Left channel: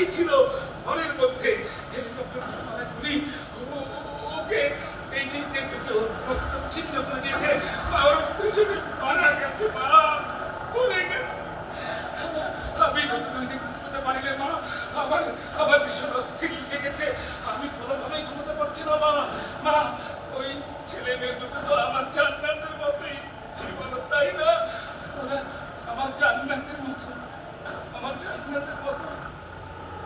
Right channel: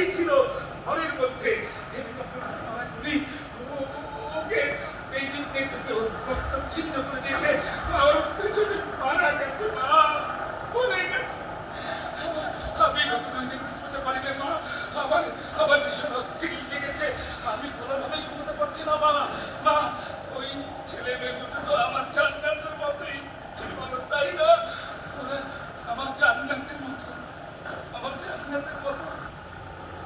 দাঁড়িয়েছিল ঘরের মধ্যে, হেলিকপ্টার গুলি ওকে এই দিক থেকে রক্ত ছিন্ন করে দিয়েছে। মা ওর পিছনে মারা গেছে, মা মরে গেছে। আমি গত 2 দিন ঘুমোতে পারি না মা, আমার আমার ভীষণ অস্থির লেগেছে, আমি কোনোভাবেই ঘুমোতে পারছি না মা। মা ওই ছেলে মেয়ে দুটো তো আমার জান্নাতের মতোই ছিল, তাই না? ওরা আমার জান্নাতের মতো, আমার জান্নাতের মতো,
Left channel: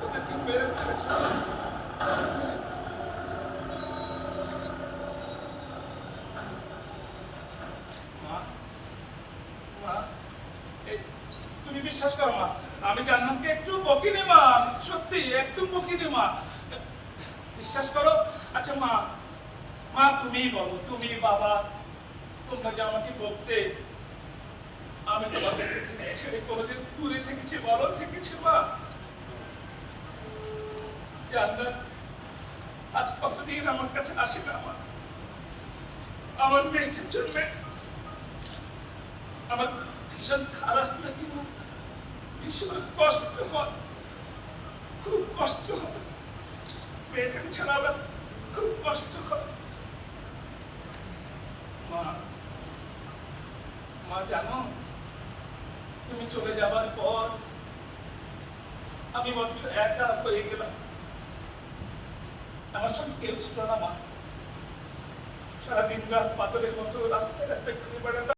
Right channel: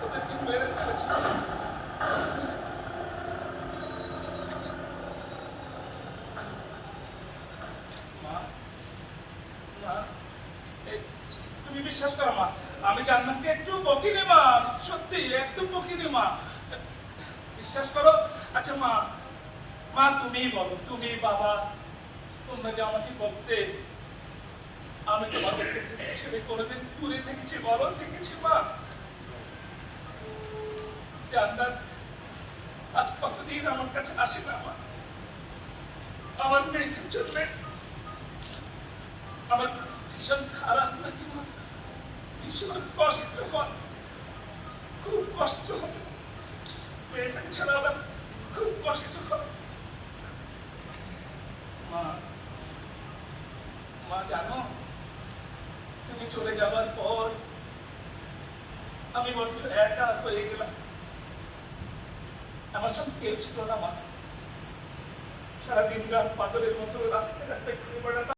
ওদেরকে মেরে ফেলেছে। মা মা তুমি বিশ্বাস করো মা, আমি জান্নাতকে একটু বকিনি মা, সত্যি একটু বকিনি মা, বিশ্বাস করো। আচ্ছা মা, মা তুমি বলো, তুমি বাবা তোমরা যে আমাকে বলতে, আমি তোমাদেরকে ছেড়ে কোনোদিন দূরে থেকেছি বলো? থেকেছি মা? জান্নাত আজ কতদিন আমার কাছে আসে না মা, আমার মেয়েটির জন্য আমার ভীষণ খারাপ লাগে মা, ভীষণ কষ্ট হয়, খুব কষ্ট হয়, মেয়েটাকে ছাড়া আমার খুব কষ্ট হয় মা। মা জানো, তুমি চলে যাবার পর আমি বড্ড একা হয়ে গেলাম, আমার সঙ্গে কেউ ছিল না মা। সারাদিন রাত পাগলের মতো রাস্তায় রাস্তায় ঘুরে বেড়াতাম।